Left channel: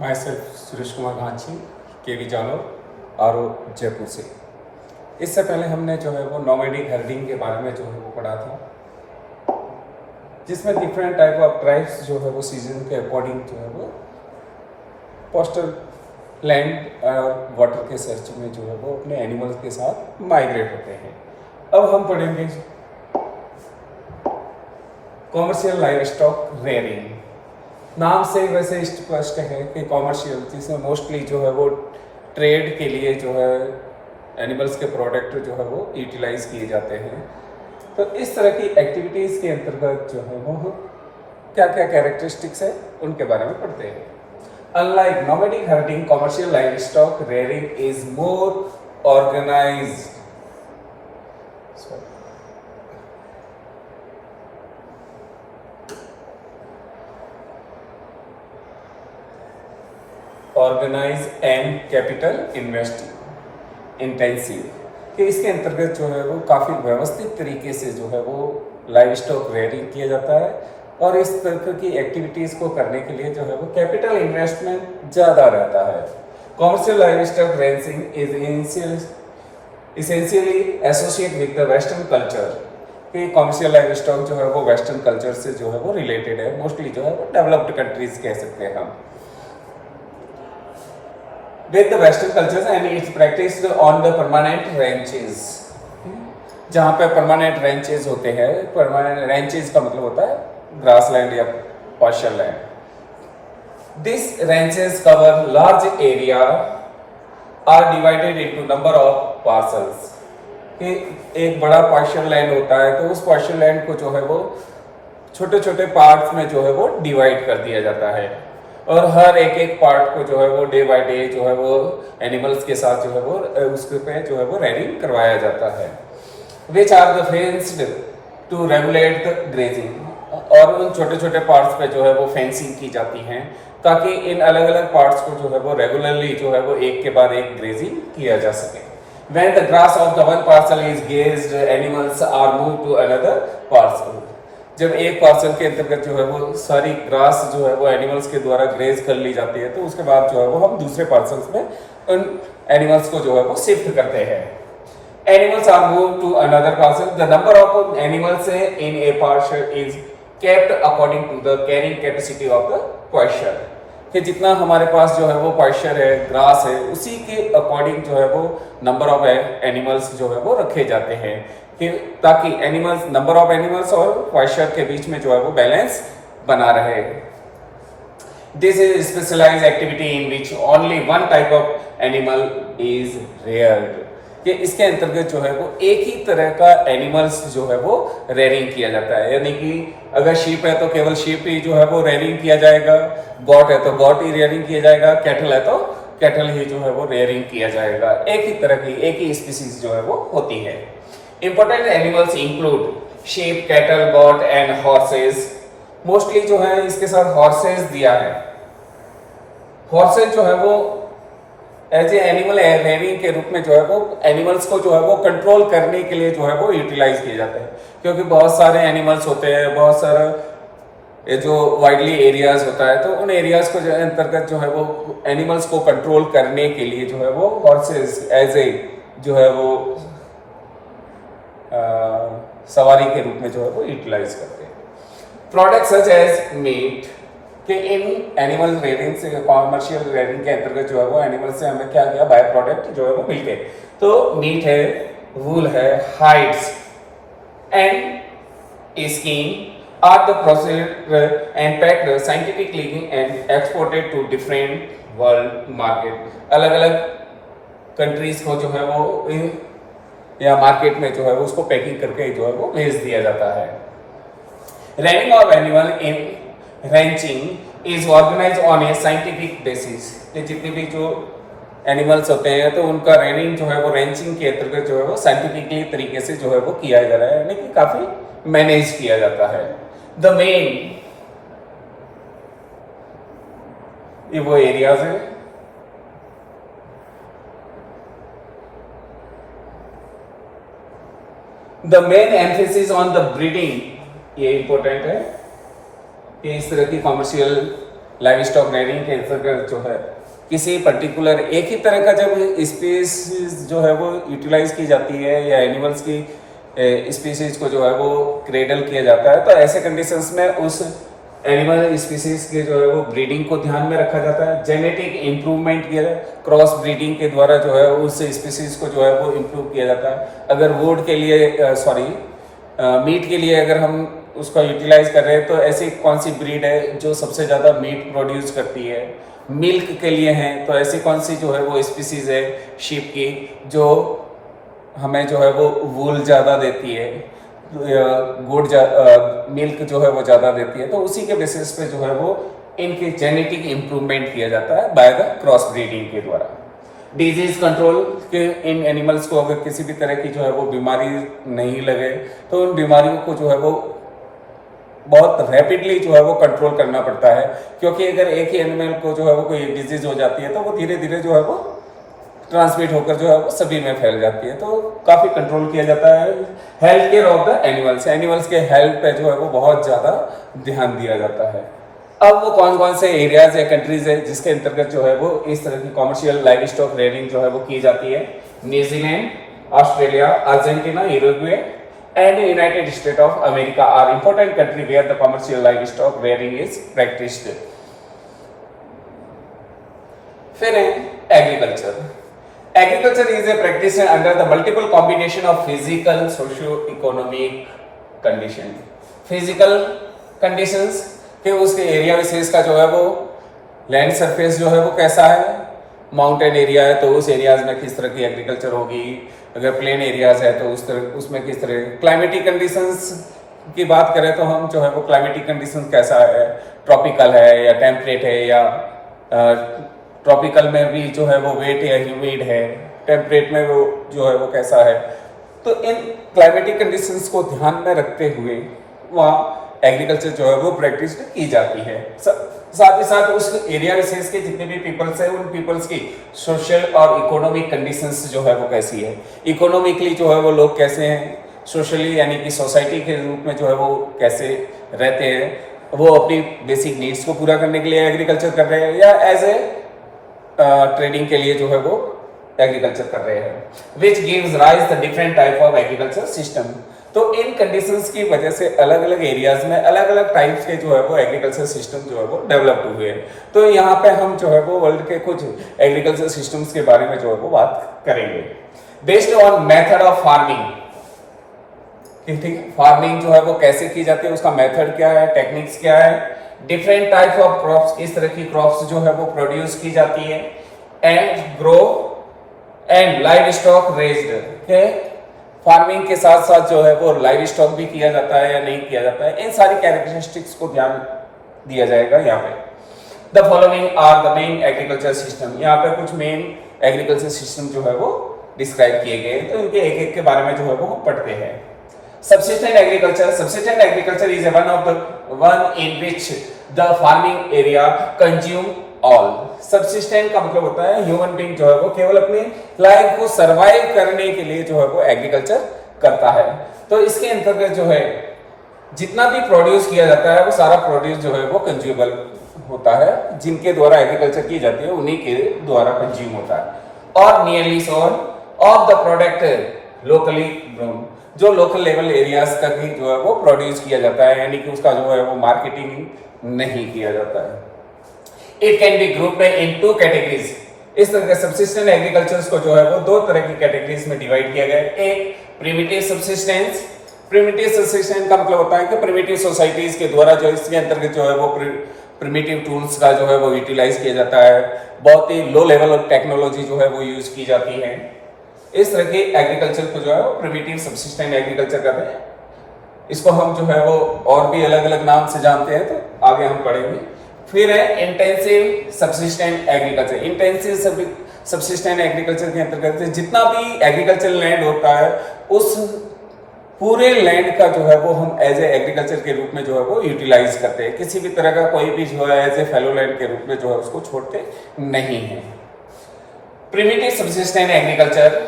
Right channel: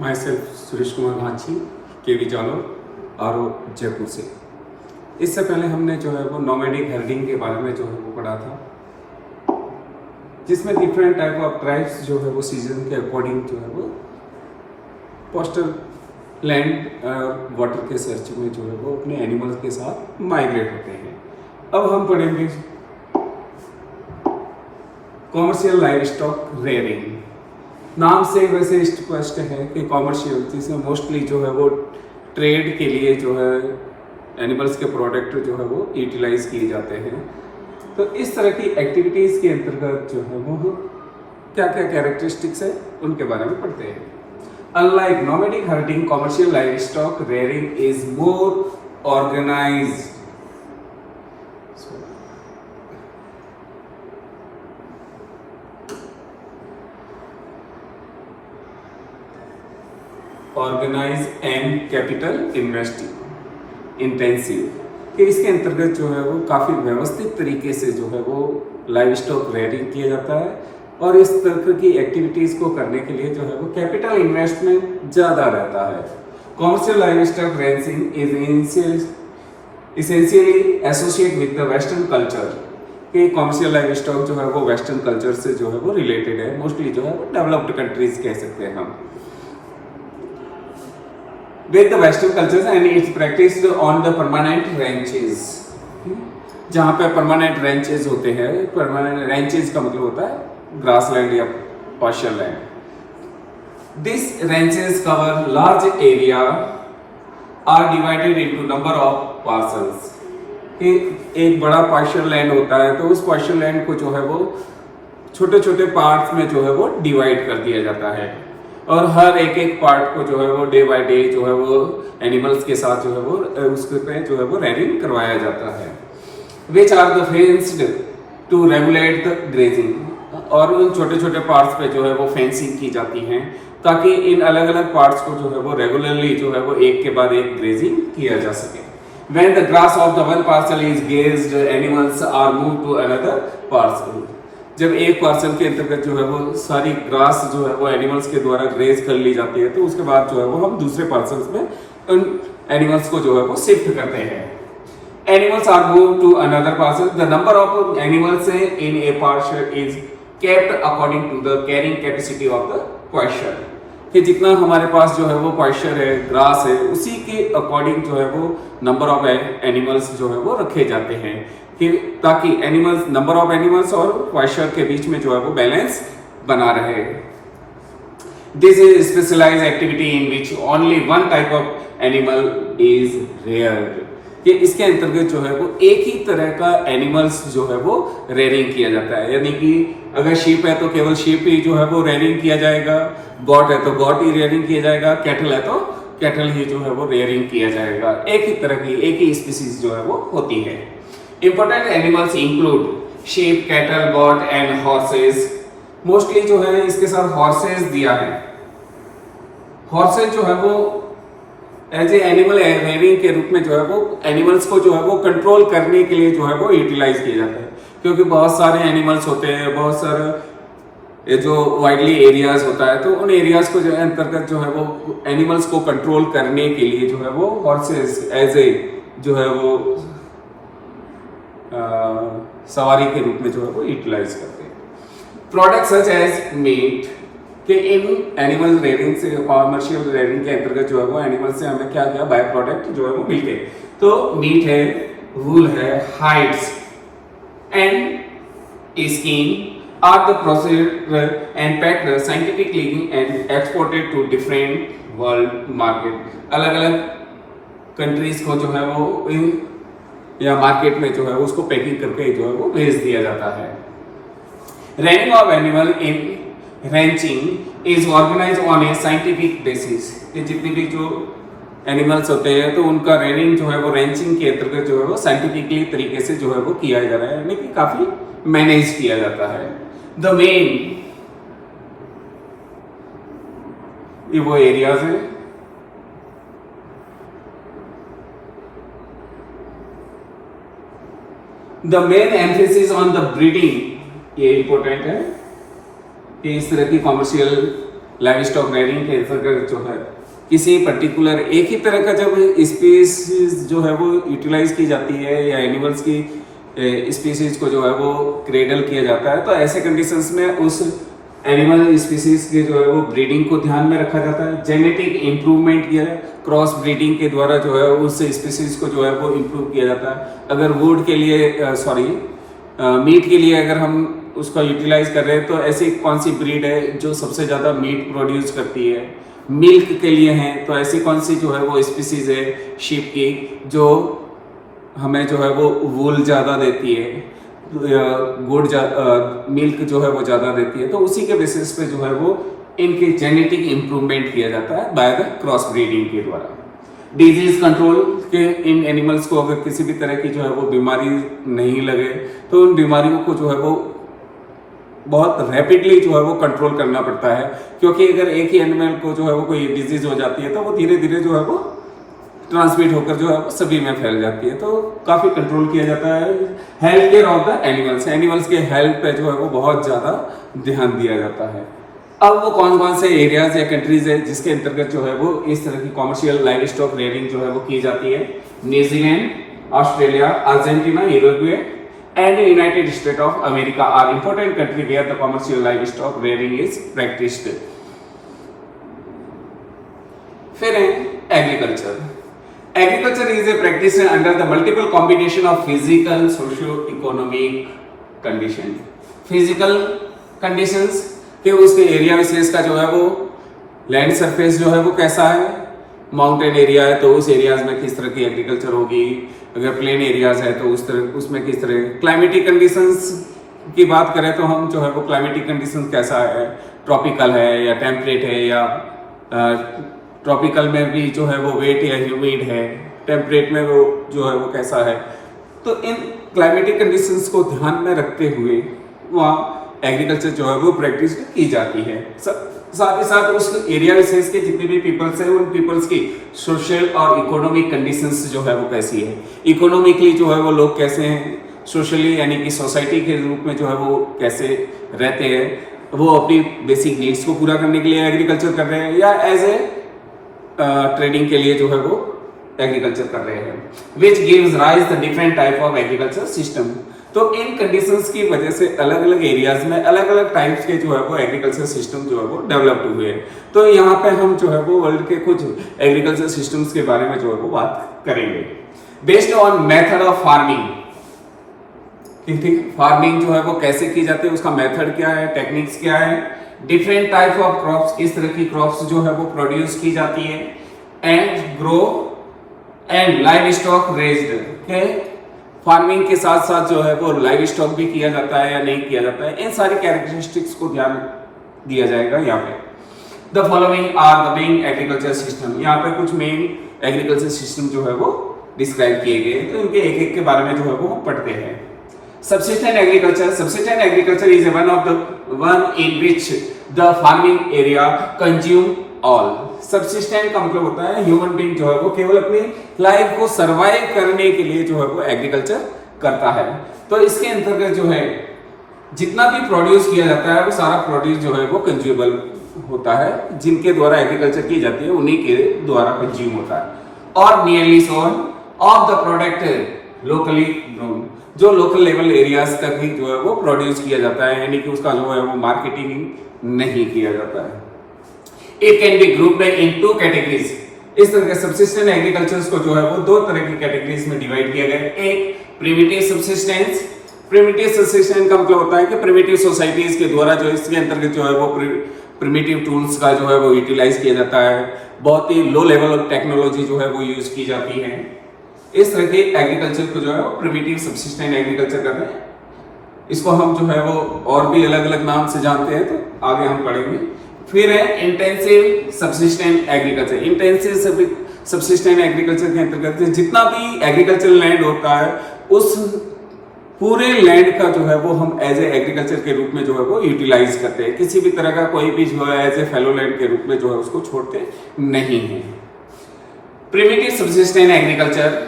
My self Suresh Kumar Ghanchi, केवी जालोर, आरो जयपुर से। इससे पहले हमने जो है वो नॉमेडिक हर्डिंग के बारे में जो है वो पढ़ा था, जिसमें डिफरेंट टाइप ऑफ ट्राइब्स जो है वो सीजन के अकॉर्डिंग जो है वो कोस्टल लैंड और वाटर के सर्च में जो है वो अपने एनिमल्स के साथ माइग्रेट होते हैं। अब हम पढ़ेंगे कॉमर्शियल लाइव स्टॉक रेयरिंग। नाम से वैसे स्पष्ट है कि कॉमर्शियल, जिसमें मोस्टली जो है वो ट्रेड के लिए जो है एनिमल्स के प्रोडक्ट जो है वो यूटिलाइज किए जाते हैं। तो इस तरह की एक्टिविटीज़ के अंतर्गत जो है वो क्या क्या कैरेक्टरिस्टिक्स है उनके बारे में पढ़ते हैं। Unlike nomadic herding, commercial livestock rearing is more organised. Organise and capital investing intensive, कि इसके अंतर्गत जो है वो काफ़ी व्यवस्थित तरीके से जो है वो लाइव स्टॉक रेयरिंग किया जाता है। और इस तरह की एक्टिविटीज़ को करने के लिए जो है वो कैपिटल इन्वेस्टमेंट ज़्यादा रहता है। Commercial livestock rearing is essentially associate with the western culture, कि कॉमर्शियल लाइव स्टॉक जो है वो वेस्टर्न कल्चर से जो है वो रिलेटेड है। मोस्टली जो है वो डेवलप्ड कंट्रीज कह सकते हैं हम। with the western cultures and it's practiced on the permanent ranches, जहाँ पे परमानेंट रेंचेज होते हैं। परमानेंट रेंचेज का मतलब होता है ग्रास लैंड या partial land. This ranches cover large area are divided into number of parcels. एक बड़ा पार्शियल लैंड होता है तो उस पार्शियल लैंड को जो है वो छोटे छोटे पार्ट्स में जो है वो डिवाइड कर दिया जाता है। और हर एक एक पार्ट को जो है वो डे बाय डे जो है वो एनिमल्स के साथ जो है वो उसके पे जो है वो रेयरिंग करवाया जाता है। Which are the fenced to regulate the grazing, और उन छोटे छोटे पार्ट्स पे जो है वो फेंसिंग की जाती हैं ताकि इन अलग अलग पार्ट्स को जो है वो रेगुलरली जो है वो एक के बाद एक ग्रेजिंग किया जा सके। When the grass of the one parcel is grazed, animals are moved to another parcel. जब एक पार्सल के अंतर्गत जो है वो सारी ग्रास जो है वो एनिमल्स के द्वारा ग्रेज कर ली जाती है, तो उसके बाद जो है वो हम दूसरे पार्सल्स में उन एनिमल्स को जो है वो शिफ्ट करते हैं। Animals are move to another parcel. The number of animals in a parcel is kept according to the carrying capacity of the question, कि जितना हमारे पास जो है वो क्वेश्चन है, ग्रास है, उसी के अकॉर्डिंग जो है वो नंबर ऑफ एनिमल्स जो है वो रखे जाते हैं, कि ताकि एनिमल्स, नंबर ऑफ एनिमल्स और क्वेश्चन के बीच में जो है वो बैलेंस बना रहे। This is specialised activity in which only one type of animal is reared, कि इसके अंतर्गत जो है वो एक ही तरह का एनिमल्स जो है वो रेयरिंग किया जाता है। यानी कि अगर शीप है तो केवल शीप ही जो है वो रेयरिंग किया जाएगा, गॉट है तो गॉट ही रेयरिंग किया जाएगा, कैटल है तो कैटल ही जो है वो रेयरिंग किया जाएगा। एक ही तरह की, एक ही स्पीसीज जो है वो होती है। Important animals include sheep, cattle, goat and horses. Mostly जो है इसके साथ horses दिया है। Horses जो है वो एज ए एनिमल रेयरिंग के रूप में जो है वो एनिमल्स को जो है वो कंट्रोल करने के लिए जो है वो यूटिलाइज किए जाते हैं, क्योंकि बहुत सारे एनिमल्स होते हैं, बहुत सारा ये जो वाइडली एरियाज होता है, तो उन एरियाज को जो है अंतर्गत जो है वो एनिमल्स को कंट्रोल करने के लिए जो है वो हॉर्सेस एज ए जो है वो सवारी के रूप में जो है वो यूटिलाइज करते हैं। प्रोडक्ट सच एज मीट, कि इन एनिमल रेयरिंग से, कॉमर्शियल रेयरिंग के अंतर्गत जो है वो एनिमल से हमें क्या क्या बाय प्रोडक्ट जो है वो मिलते हैं। तो मीट है, वूल है, hides and skin are the processed and packed scientifically and exported to different world market. अलग अलग कंट्रीज को जो है वो या मार्केट में जो है उसको पैकिंग करके जो है वो भेज दिया जाता है। Rearing of animal in ranching is organise on a scientific basis, कि जितने भी जो एनिमल्स होते हैं तो उनका रेयरिंग जो है वो रेंचिंग के अंतर्गत जो है वो साइंटिफिकली तरीके से जो है वो किया जा रहा है, यानी कि काफी मैनेज किया जाता है। द मेन ये वो एरियाज है the main emphasis on the breeding, ये इंपॉर्टेंट है कि इस तरह की कॉमर्शियल लाइव स्टॉक रेयरिंग के अंतर्गत जो है किसी पर्टिकुलर एक ही तरह का जब स्पीसीज जो है वो यूटिलाइज की जाती है या एनिमल्स की स्पीसीज को जो है वो क्रेडल किया जाता है, तो ऐसे कंडीशंस में उस एनिमल स्पीसीज की जो है वो ब्रीडिंग को ध्यान में रखा जाता है। जेनेटिक इंप्रूवमेंट किया जाए, क्रॉस ब्रीडिंग के द्वारा जो है उस स्पीसीज को जो है वो इम्प्रूव किया जाता है। अगर वुड के लिए मीट के लिए अगर हम उसको यूटिलाइज कर रहे हैं तो ऐसी कौन सी ब्रीड है जो सबसे ज़्यादा मीट प्रोड्यूस करती है। मिल्क के लिए हैं तो ऐसी कौन सी जो है वो स्पीसीज है शीप की जो हमें जो है वो वूल ज़्यादा देती है, मिल्क जो है वो ज़्यादा देती है। तो उसी के बेसिस पे जो है वो इनके जेनेटिक इंप्रूवमेंट किया जाता है बाय द क्रॉस ब्रीडिंग के द्वारा। डिजीज कंट्रोल के इन एनिमल्स को अगर किसी भी तरह की जो है वो बीमारी नहीं लगे तो उन बीमारियों को जो है वो बहुत रैपिडली जो है वो कंट्रोल करना पड़ता है, क्योंकि अगर एक ही एनिमल को जो है वो कोई डिजीज हो जाती है तो वो धीरे धीरे जो है वो ट्रांसमिट होकर जो है वो सभी में फैल जाती है। तो काफ़ी कंट्रोल किया जाता है। Health care of the animals के हेल्थ पे जो है वो बहुत ज़्यादा ध्यान दिया जाता है। अब कौन कौन से एरियाज या कंट्रीज है जिसके अंतर्गत जो है वो इस तरह की कॉमर्शियल लाइव स्टॉक रेयरिंग जो है वो की जाती है? New Zealand, Australia, Argentina, Uruguay and United States of America are important country where the commercial livestock rearing is practiced. फिर है agriculture. Agriculture is a practice under the multiple combination of physical, socio economic condition. Physical conditions के उसके area विशेष का जो है वो land surface जो है वो कैसा है, माउंटेन एरिया है तो उस एरियाज में किस तरह की एग्रीकल्चर होगी, अगर प्लेन एरियाज है तो उस तरह उसमें किस तरह। क्लाइमेटिक कंडीशंस की बात करें तो हम जो है वो क्लाइमेटिक कंडीशंस कैसा है, ट्रॉपिकल है या टेम्परेट है, या ट्रॉपिकल में भी जो है वो वेट या ह्यूमिड है, टेम्परेट में वो जो है वो कैसा है। तो इन क्लाइमेटिक कंडीशंस को ध्यान में रखते हुए वहाँ एग्रीकल्चर जो है वो प्रैक्टिस की जाती है। साथ ही साथ उस एरिया विशेष के जितने भी पीपल्स हैं उन पीपल्स की सोशल और इकोनॉमिक कंडीशंस जो है वो कैसी है, इकोनॉमिकली जो है वो लोग कैसे हैं, सोशली यानी कि सोसाइटी के रूप में जो है वो कैसे रहते हैं, वो अपनी बेसिक नीड्स को पूरा करने के लिए एग्रीकल्चर कर रहे हैं या एज ए ट्रेडिंग के लिए जो है वो एग्रीकल्चर कर रहे हैं। Which gives rise the different type of agriculture system. तो इन कंडीशंस की वजह से अलग अलग एरियाज में अलग अलग टाइप्स के जो है वो एग्रीकल्चर सिस्टम जो है वो डेवलप्ड हुए हैं। तो यहाँ पे हम जो है वो वर्ल्ड के कुछ एग्रीकल्चर सिस्टम्स के बारे में जो है वो बात करेंगे based on method of farming. ठीक है, फार्मिंग जो है वो कैसे की जाती है, उसका मेथड क्या है, टेक्निक्स क्या है, डिफरेंट टाइप ऑफ क्रॉप्स, किस तरह की क्रॉप्स जो है वो प्रोड्यूस की जाती है, and grow and live stock raised के फार्मिंग के साथ साथ जो है वो लाइव स्टॉक भी किया जाता है या नहीं किया जाता है, इन सारी कैरेक्टरिस्टिक्स को ध्यान दिया जाएगा यहाँ पे। The following are the main agriculture system. यहाँ पे कुछ मेन एग्रीकल्चर सिस्टम जो है वो डिस्क्राइब किए गए, तो इनके एक एक के बारे में जो है वो पढ़ते हैं। Subsistence agriculture is one in which the farming area consume all. Subsistence का मतलब होता है ह्यूमन बीइंग जो है वो केवल अपनी लाइफ को सरवाइव करने के लिए जो है वो एग्रीकल्चर करता है। तो इसके अंतर्गत जो है जितना भी प्रोड्यूस किया जाता है वो सारा प्रोड्यूस जो है वो कंज्यूमेबल होता है, जिनके द्वारा एग्रीकल्चर की जाती है उन्हीं के द्वारा कंज्यूम होता है। और nearly all of the product locally grown, जो लोकल लेवल एरियाज तक ही जो है वो प्रोड्यूस किया जाता है, यानी कि उसका जो है वो मार्केटिंग नहीं किया जाता है। It can be group in two categories. इस तरह के सब्सिस्टेंस एग्रीकल्चर को जो है वो दो तरह की कैटेगरीज में डिवाइड किया गया है। एक प्रिमिटिव सब्सिस्टेंस। प्रिमिटिव सब्सिस्टेंस का मतलब होता है कि प्रिमिटिव सोसाइटीज के द्वारा जो इसके अंतर्गत जो है वो प्रिमिटिव टूल्स का जो है वो यूटिलाइज किया जाता है, बहुत ही लो लेवल ऑफ टेक्नोलॉजी जो है वो यूज की जाती है। इस तरह के एग्रीकल्चर को जो है वो प्रिमिटिव सब्सिस्टेंस एग्रीकल्चर कहते हैं। इसको हम जो है वो और भी अलग अलग नाम से जानते हैं, तो आगे हम पढ़ेंगे। फिर है intensive subsistence agriculture. Intensive subsistence agriculture के अंतर्गत जितना भी एग्रीकल्चर लैंड होता है उस पूरे लैंड का जो है वो हम एज ए एग्रीकल्चर के रूप में जो है वो यूटिलाइज करते हैं। किसी भी तरह का कोई भी जो है एज ए फेलो लैंड के रूप में जो है उसको छोड़ते नहीं है। Primitive subsistence agriculture,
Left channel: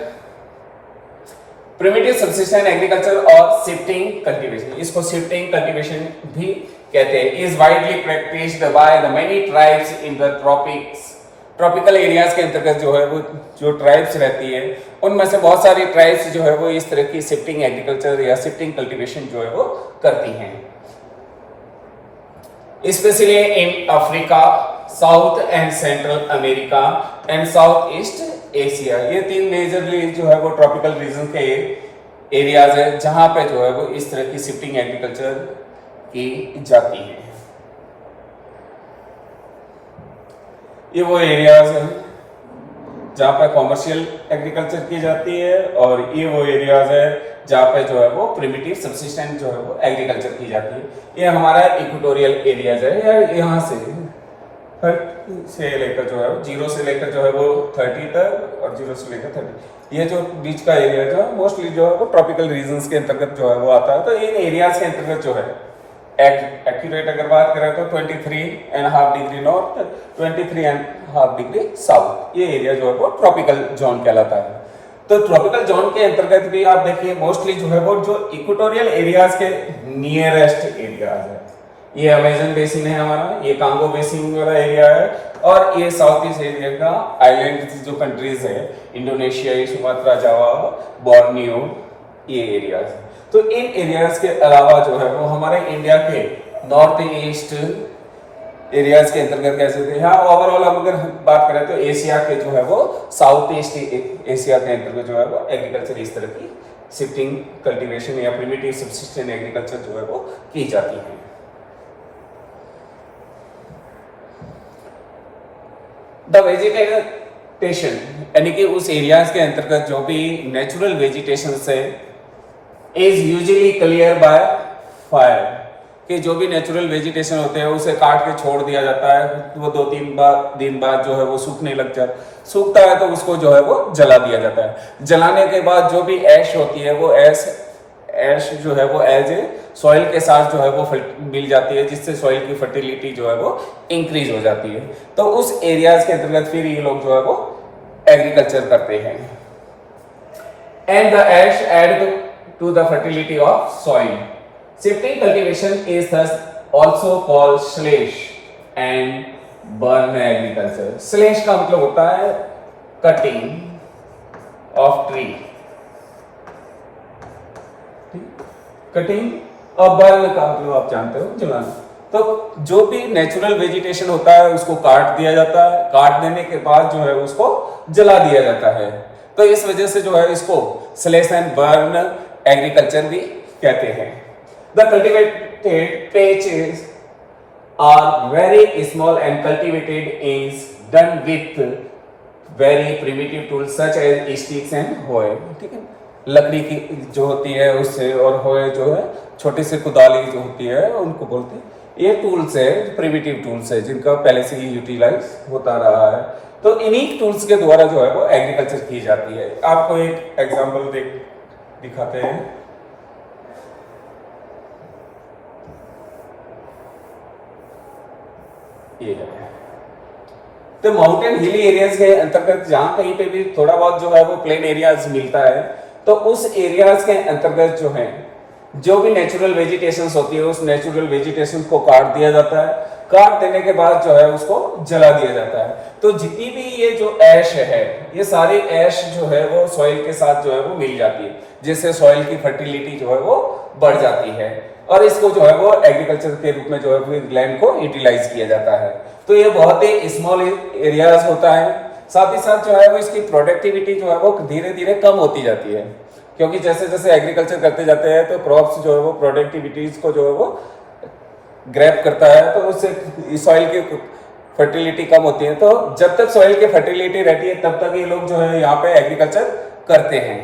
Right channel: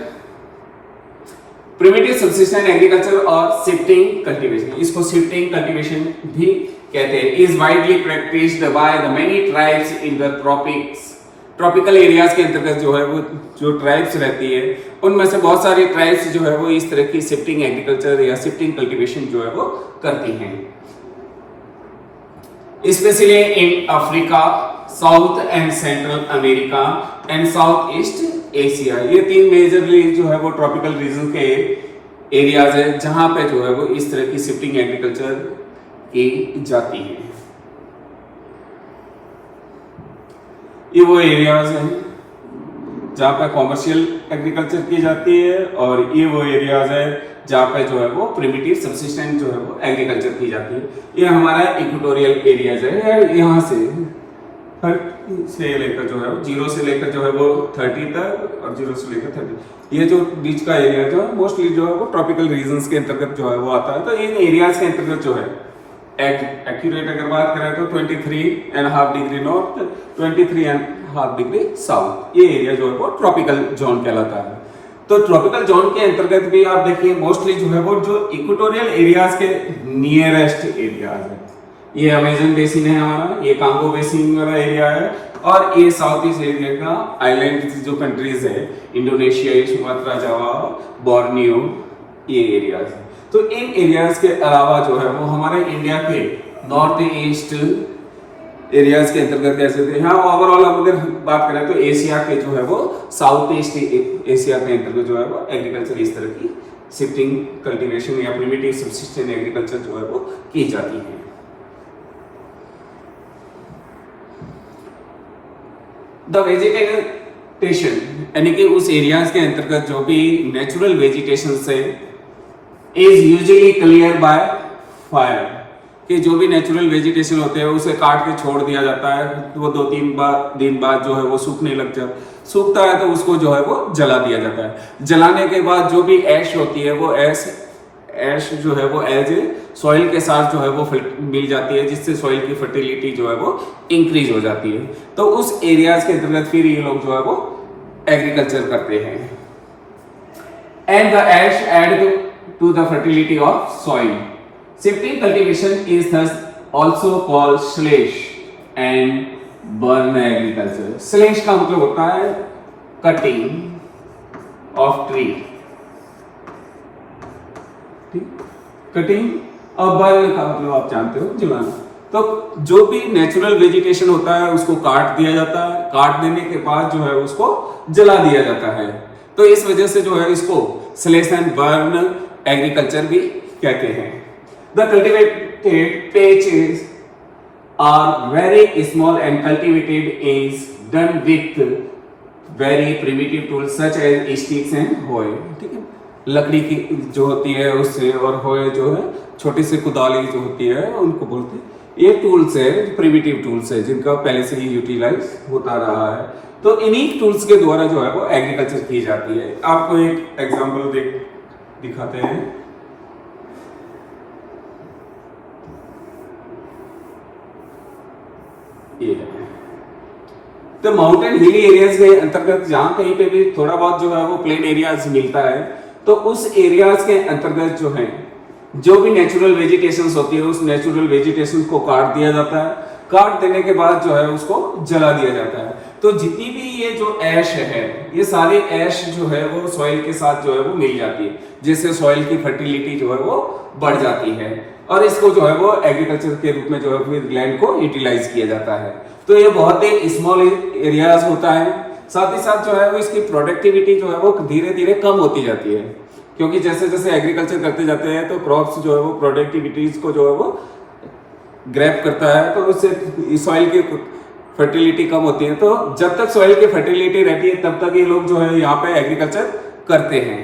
primitive subsistence agriculture और शिफ्टिंग कल्टीवेशन, इसको शिफ्टिंग कल्टीवेशन भी कहते हैं, is widely practised by the many tribes in the tropics. Tropical areas के अंतर्गत जो है वो जो ट्राइब्स रहती है उनमें से बहुत सारी ट्राइब्स जो है वो इस तरह की शिफ्टिंग एग्रीकल्चर या शिफ्टिंग कल्टीवेशन जो है वो करती हैं, specially in Africa, south and central America and south east Asia. ये तीन मेजरली जो है वो ट्रॉपिकल रीजन के एरियाज है जहां पे जो है वो इस तरह की शिफ्टिंग एग्रीकल्चर की जाती है। ये वो एरियाज हैं जहाँ पे कॉमर्शियल एग्रीकल्चर की जाती है और ये वो एरियाज है जहाँ पे जो है वो प्रिमिटिव सबसिस्टेंट जो है वो एग्रीकल्चर की जाती है। ये हमारा इक्वेटोरियल एरियाज है, यहाँ से लेकर जो है वो 0 से लेकर जो है वो 30 तक और 0 से लेकर 30, ये जो बीच का एरिया जो है मोस्टली जो है वो ट्रॉपिकल रीजन्स के अंतर्गत जो है वो आता है। तो इन एरियाज के अंतर्गत जो है एक्यूरेट अगर बात करें तो 23.5 डिग्री नॉर्थ, 23.5 डिग्री साउथ, ये एरिया जो है वो ट्रॉपिकल जोन कहलाता है। तो ट्रॉपिकल जोन के अंतर्गत भी आप देखिए मोस्टली जो है वो जो इक्वेटोरियल एरियाज के नियरेस्ट एरियाज है, ये अमेजन बेसिन है हमारा, ये कांगो बेसिन वाला एरिया है और ये साउथ ईस्ट एरिया का आइलैंड जो कंट्रीज है, इंडोनेशिया, सुमात्रा, जावा, बोर्नियो, ये एरियाज है। तो इन एरियाज के अलावा जो है वो हमारे इंडिया के नॉर्थ ईस्ट एरियाज के अंतर्गत कैसे थे, यहाँ ओवरऑल अगर बात करें तो एशिया के जो है वो साउथ ईस्ट एशिया के अंतर्गत जो है वो एग्रीकल्चर इस तरह की शिफ्टिंग कल्टीवेशन या प्रिमिटिव सबसिस्टेंट एग्रीकल्चर जो है वो की जाती है। द वेजिटेशन यानी कि उस एरियाज के अंतर्गत जो भी नेचुरल वेजिटेशन है is usually clear by fire, कि जो भी नेचुरल वेजिटेशन होते हैं उसे काट के छोड़ दिया जाता है, वो 2-3 दिन बाद जो है वो सूखने लग जाता, सूखता है तो उसको जो है वो जला दिया जाता है। जलाने के बाद जो भी ऐश होती है वो ऐश जो है वो एज ए सॉइल के साथ जो है वो मिल जाती है, जिससे सॉइल की फर्टिलिटी जो है वो इंक्रीज हो जाती है। तो उस एरियाज के अंतर्गत फिर ये लोग जो है वो एग्रीकल्चर करते हैं। And the ash add to the fertility of soil. Shifting cultivation is thus also called slash and burn agriculture. Slash का मतलब होता है cutting of tree, कटिंग, और बर्न का मतलब आप जानते हो जलाना। तो जो भी नेचुरल वेजिटेशन होता है उसको काट दिया जाता है, काट देने के बाद जो है उसको जला दिया जाता है। तो इस वजह से जो है इसको स्लैश एंड बर्न एग्रीकल्चर भी कहते हैं। The cultivated patches are very small and cultivated is done with very primitive tools such as sticks and hoes. ठीक है, लकड़ी की जो होती है उससे, और होए जो है छोटी सी कुदाली जो होती है उनको बोलते हैं। ये टूल्स है, प्रिमिटिव टूल्स है जिनका पहले से ही यूटिलाइज होता रहा है। तो इन्हीं टूल्स के द्वारा जो है वो एग्रीकल्चर की जाती है। आपको एक एग्जांपल दिखाते हैं। ये है तो माउंटेन हिली एरियाज के अंतर्गत जहां कहीं पे भी थोड़ा बहुत जो है वो प्लेन एरियाज मिलता है, तो उस एरियाज के अंतर्गत जो है जो भी नेचुरल वेजिटेशन होती है उस नेचुरल वेजिटेशन को काट दिया जाता है। काट देने के बाद जो है उसको जला दिया जाता है। तो जितनी भी ये जो ऐश है, ये सारी ऐश जो है वो सॉइल के साथ जो है वो मिल जाती है, जिससे सॉइल की फर्टिलिटी जो है वो बढ़ जाती है और इसको जो है वो एग्रीकल्चर के रूप में जो है फिर लैंड को यूटिलाइज किया जाता है। तो ये बहुत ही स्मॉल एरियाज होता है। साथ ही साथ जो है वो इसकी प्रोडक्टिविटी जो है वो धीरे धीरे कम होती जाती है, क्योंकि जैसे जैसे एग्रीकल्चर करते जाते हैं तो क्रॉप्स जो है वो प्रोडक्टिविटीज को जो है वो ग्रैब करता है, तो उससे सॉइल की फर्टिलिटी कम होती है। तो जब तक सॉइल की फर्टिलिटी रहती है तब तक ये लोग जो है यहाँ पे एग्रीकल्चर करते हैं।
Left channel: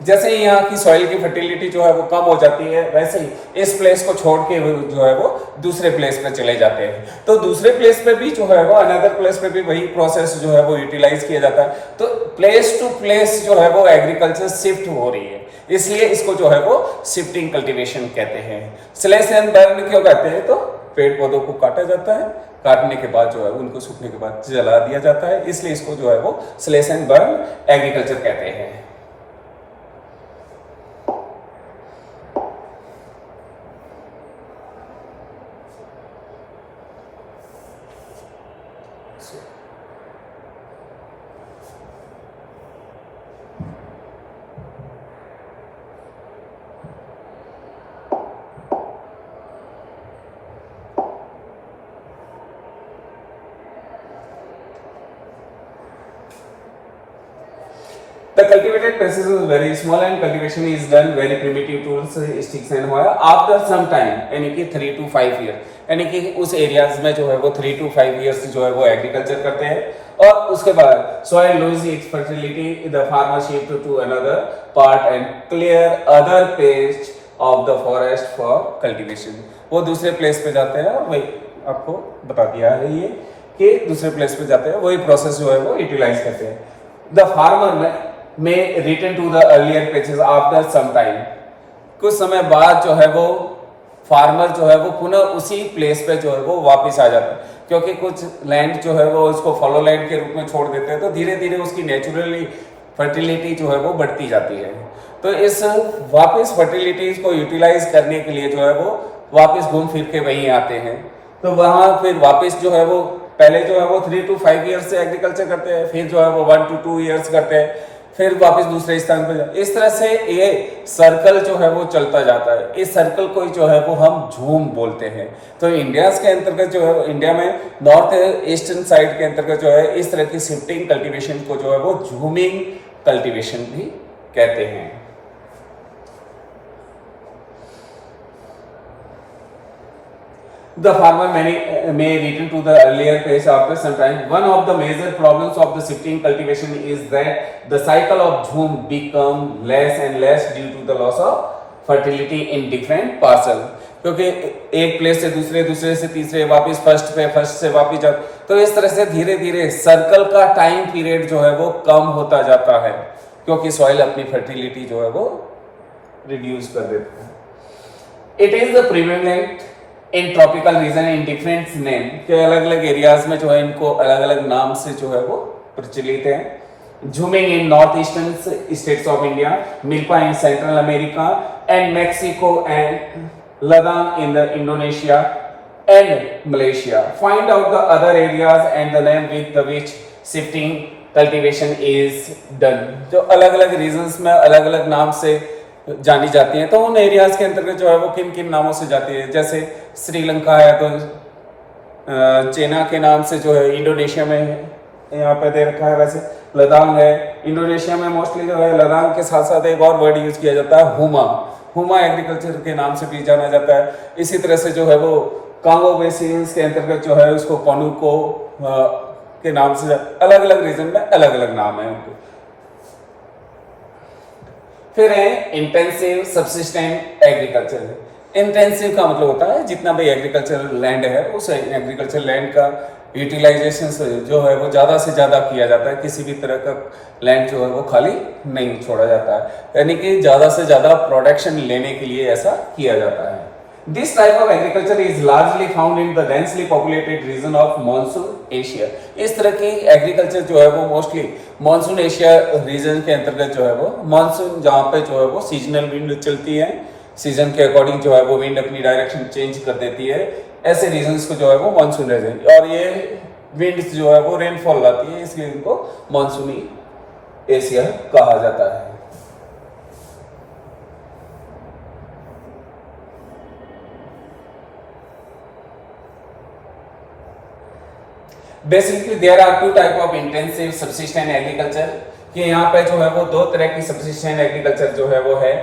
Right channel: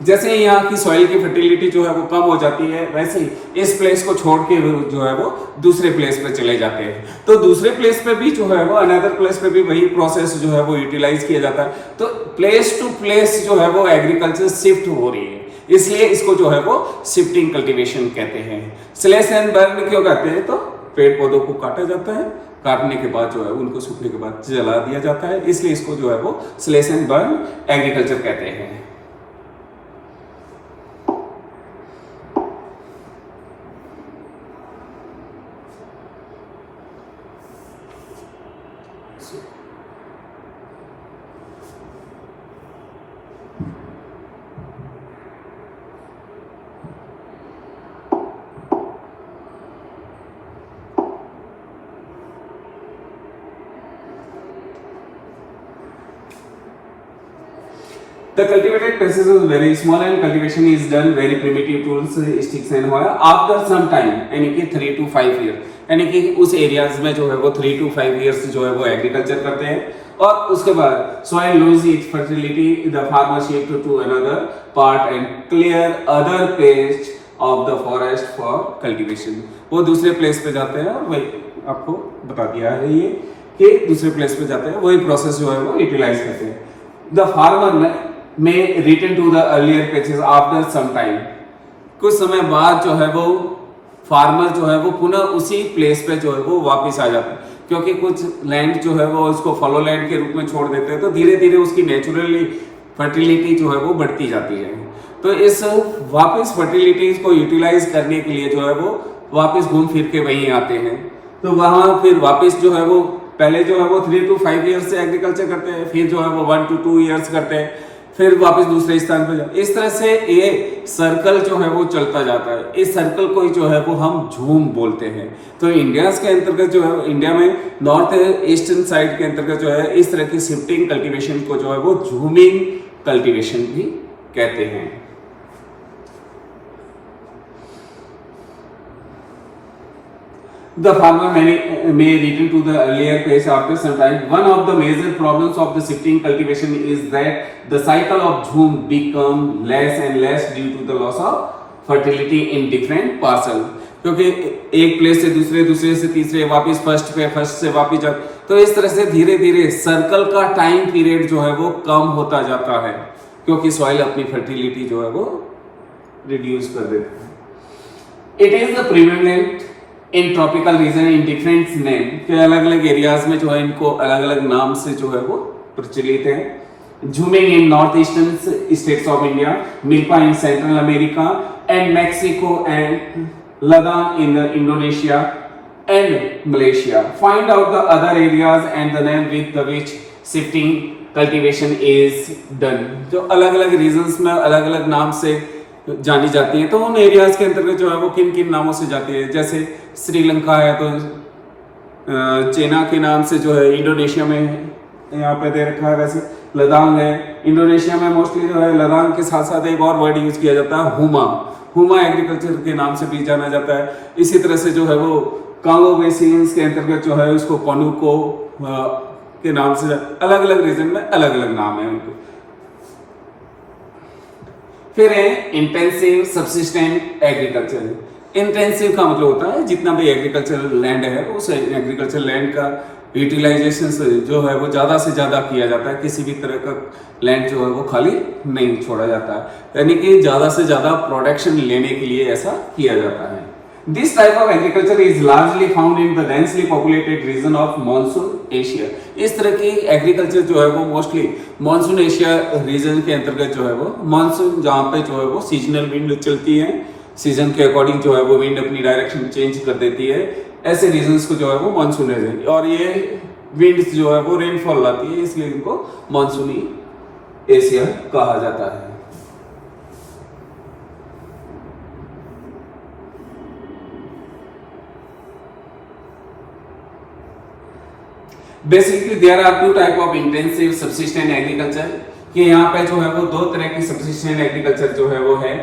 जैसे ही यहाँ की सॉइल की फर्टिलिटी जो है वो कम हो जाती है, वैसे ही इस प्लेस को छोड़ के जो है वो दूसरे प्लेस पे चले जाते हैं। तो दूसरे प्लेस पे भी जो है वो अनदर प्लेस पे भी वही प्रोसेस जो है वो यूटिलाइज किया जाता है। तो प्लेस टू प्लेस जो है वो एग्रीकल्चर शिफ्ट हो रही है, इसलिए इसको जो है वो शिफ्टिंग कल्टीवेशन कहते हैं। स्लैश एंड बर्न क्यों कहते हैं? तो पेड़ पौधों को काटा जाता है, काटने के बाद जो है उनको सूखने के बाद जला दिया जाता है, इसलिए इसको जो है वो स्लैश एंड बर्न एग्रीकल्चर कहते हैं। The cultivated places is very small and cultivation is done very primitive tools, sticks and wire. After some time, यानी कि 3 to 5 years, यानी कि उस एरियाज में जो है वो 3 to 5 years जो है वो एग्रीकल्चर करते हैं और उसके बाद soil loses its fertility, the farmer shift to another part and clear other patch of the forest for cultivation. वो दूसरे प्लेस पे जाते हैं और वही आपको बता दिया है ये कि दूसरे प्लेस पे जाते हैं, वही प्रोसेस जो है वो यूटिलाइज करते हैं. The farmer may return to the earlier patches after some time. कुछ समय बाद जो है वो फार्मर जो है वो पुनः उसी प्लेस पे जो है वो वापस आ जाता है, क्योंकि कुछ लैंड जो है वो उसको फॉलो लैंड के रूप में छोड़ देते हैं, तो धीरे धीरे उसकी नेचुरली फर्टिलिटी जो है वो बढ़ती जाती है. तो इस वापस फर्टिलिटीज को यूटिलाइज करने के लिए जो है वो वापस घूम फिर के वहीं आते हैं. तो वहाँ फिर वापस जो है वो पहले जो है वो 3 to 5 years से एग्रीकल्चर करते हैं, फिर जो है वो 1 to 2 years करते हैं, फिर वापस दूसरे स्थान पर जाते. इस तरह से ये सर्कल जो है वो चलता जाता है. इस सर्कल को जो है वो हम झूम बोलते हैं. तो इंडिया के अंतर्गत जो है इंडिया में नॉर्थ ईस्टर्न साइड के अंतर्गत जो है इस तरह की शिफ्टिंग कल्टीवेशन को जो है वो झूमिंग कल्टीवेशन भी कहते हैं. The farmer may return to the earlier phase after some time. One of the major problems of the shifting cultivation is that the cycle of jhum become less and less due to the loss of fertility in different parcel. क्योंकि एक place से दूसरे, दूसरे से तीसरे, वापस first पे, first से वापस जा, तो इस तरह से धीरे धीरे सर्कल का टाइम पीरियड जो है वो कम होता जाता है, क्योंकि सॉइल अपनी फर्टिलिटी जो है वो रिड्यूस कर देता है. It is the prevalent in tropical region in different name, के अलग अलग एरियाज में जो है इनको अलग अलग नाम से जो है वो प्रचलित है. Jhuming in north eastern states of India, milpa in central America and Mexico and Ladakh in the Indonesia and Malaysia. Find out the other areas and the name with the which shifting cultivation is done. जो अलग अलग regions में अलग अलग नाम से जानी जाती है, तो उन एरियाज के अंतर्गत जो है वो किन किन नामों से जाती है. जैसे श्रीलंका है तो चीना के नाम से जो है, इंडोनेशिया में यहाँ पे दे रखा है. वैसे लद्दाख है, इंडोनेशिया में मोस्टली जो है लद्दाख के साथ साथ एक और वर्ड यूज किया जाता है हुमा. हुमा एग्रीकल्चर के नाम से भी जाना जाता है. इसी तरह से जो है वो कांगो बेसिन के अंतर्गत जो है उसको कोनुको के नाम से, अलग अलग रीजन में अलग अलग नाम है उनके. फिर है इंटेंसिव सब्सिस्टेंट एग्रीकल्चर. इंटेंसिव का मतलब होता है जितना भी एग्रीकल्चर लैंड है उस एग्रीकल्चर लैंड का यूटिलाइजेशन जो है वो ज़्यादा से ज़्यादा किया जाता है. किसी भी तरह का लैंड जो है वो खाली नहीं छोड़ा जाता है, यानी कि ज़्यादा से ज़्यादा प्रोडक्शन लेने के लिए ऐसा किया जाता है. This type of agriculture is largely found in the densely populated region of monsoon Asia. इस तरह की एग्रीकल्चर जो है वो मोस्टली मानसून एशिया रीजन के अंतर्गत जो है वो मानसून, जहाँ पे जो है वो सीजनल विंड चलती है, सीजन के अकॉर्डिंग जो है वो विंड अपनी डायरेक्शन चेंज कर देती है, ऐसे रीजन्स को जो है वो मानसून रीजन, और ये विंड जो है वो रेनफॉल लाती है, इसलिए इनको मानसूनी एशिया कहा जाता है. Basically there are two type of intensive subsistent agriculture, कि यहाँ पे जो है वो दो तरह की सब्सिस्टेंट एग्रीकल्चर जो है वो है.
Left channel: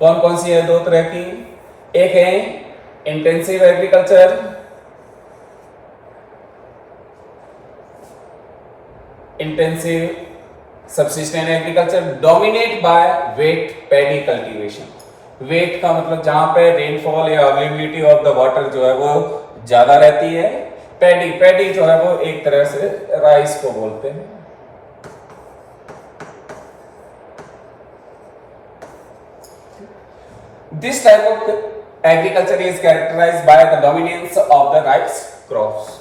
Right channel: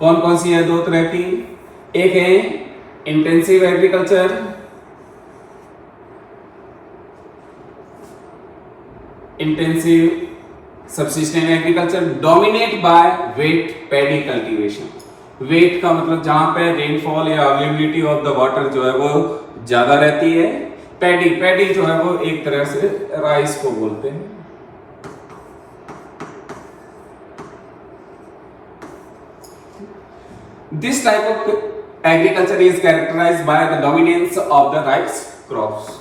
कौन कौन सी है दो तरह की? एक है intensive agriculture, intensive subsistent agriculture dominate by wet paddy cultivation. Wet का मतलब जहां पे रेनफॉल या अवेलेबिलिटी ऑफ द वाटर जो है वो ज्यादा रहती है. पैडी, पैडी जो है वो एक तरह से राइस को बोलते हैं. This type of agriculture is characterised by the dominance of the rice crops.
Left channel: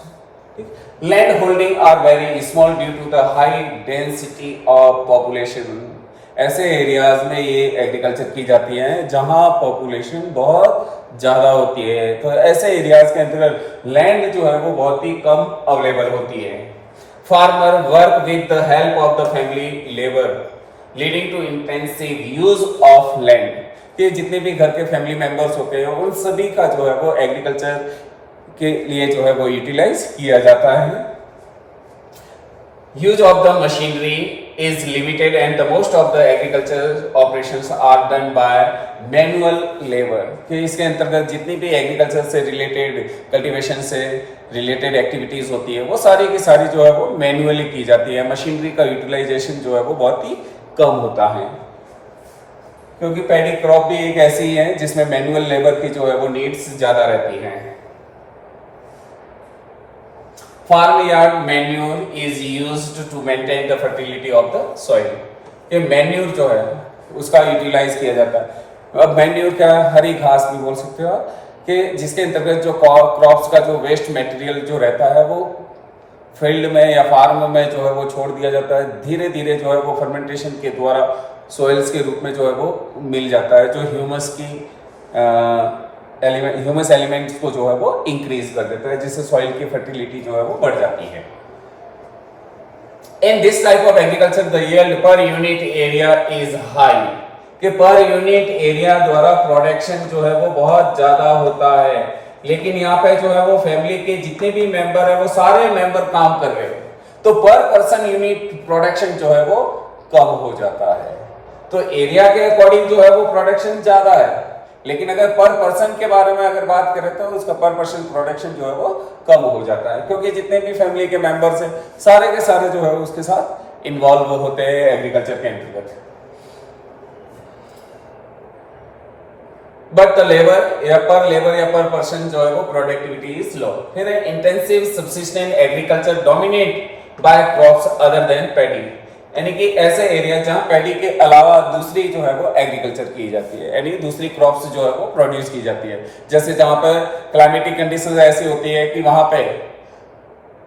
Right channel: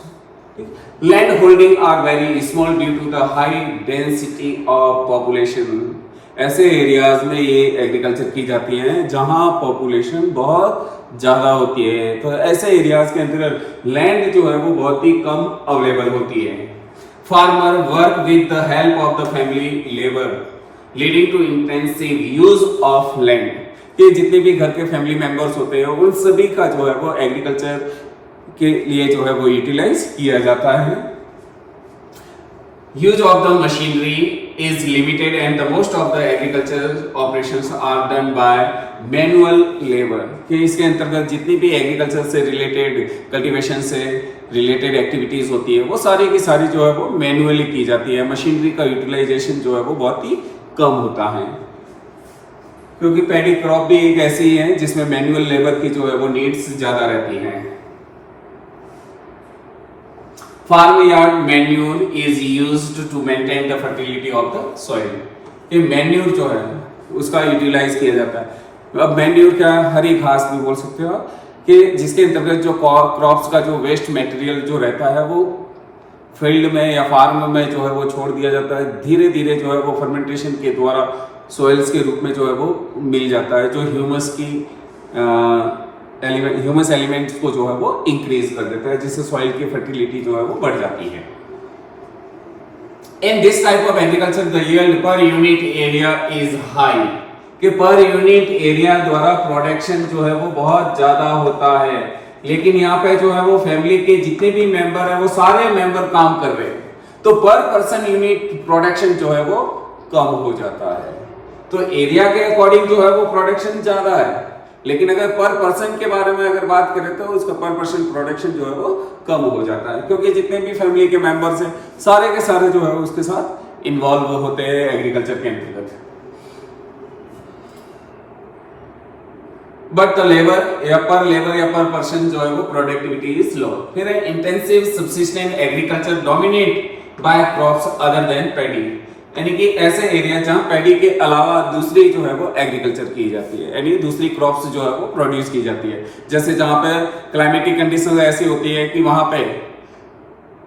Land holding are very small due to the high density of population. ऐसे एरियाज में ये एग्रीकल्चर की जाती है जहां पॉपुलेशन बहुत ज्यादा होती है. तो ऐसे एरियाज के अंदर लैंड जो है वो बहुत ही कम अवेलेबल होती है. Farmer work with the help of the family labour leading to intensive use of land. ये जितने भी घर के फैमिली मेंबर्स होते हैं उन सभी का जो है वो एग्रीकल्चर के लिए जो है वो यूटिलाइज किया जाता है. Use of the machinery is limited and the most of the agricultural operations are done by manual labor। कि इसके अंतर्गत जितनी भी एग्रीकल्चर से रिलेटेड, कल्टीवेशन से रिलेटेड एक्टिविटीज होती है वो सारी की सारी जो है वो मैनुअली की जाती है। मशीनरी का यूटिलाइजेशन जो है वो बहुत ही कम होता है, क्योंकि पैडी क्रॉप भी एक ऐसी है जिसमें मैनुअल लेबर की जो है वो नीड्स ज्यादा रहती हैं। Farm yard manure is used to maintain the fertility of the soil. ये मैन्योर जो है उसका यूटिलाइज किया जाता है। अब मैन्योर क्या है, हरी घास भी बोल सकते हो आप, कि जिसके अंतर्गत जो क्रॉप्स का जो वेस्ट मटेरियल जो रहता है वो फील्ड में या फार्म में जो है वो छोड़ दिया जाता है। धीरे धीरे जो है वो फर्मेंटेशन के द्वारा सॉइल्स के रूप में जो है वो मिल जाता है, जो ह्यूमस की ह्यूमस एलिमेंट्स को जो है वो इंक्रीज कर देता है, जिससे सॉइल की फर्टिलिटी जो है वो बढ़ जाती है। In this type of agriculture the yield per unit area is high, कि पर यूनिट एरिया द्वारा प्रोडक्शन जो है वो बहुत ज्यादा होता है, लेकिन यहाँ पे जो है वो फैमिली के जितने भी मेंबर है वो सारे मेंबर काम कर रहे हैं, तो पर पर्सन यूनिट प्रोडक्शन जो है वो कम हो जाता है। तो एरिया के अकॉर्डिंग जो है वो प्रोडक्शन ज्यादा है, लेकिन अगर पर पर्सन के बारे में अगर बात करें तो उसका पर पर्सन प्रोडक्शन जो है वो कम हो जाता है, क्योंकि जितने भी फैमिली के मेंबर्स हैं सारे के सारे जो है उसके साथ इन्वॉल्व होते हैं एग्रीकल्चर के अंतर्गत। बट द लेबर या पर पर्सन जो है वो प्रोडक्टिविटी इज लो। फिर intensive subsistent agriculture dominate by crops other than paddy, यानी कि ऐसे एरिया जहां पैडी के अलावा दूसरी जो है वो एग्रीकल्चर की जाती है, यानी दूसरी क्रॉप्स जो है वो प्रोड्यूस की जाती है। जैसे जहां पे क्लाइमेटिक कंडीशंस ऐसी होती है कि वहां पे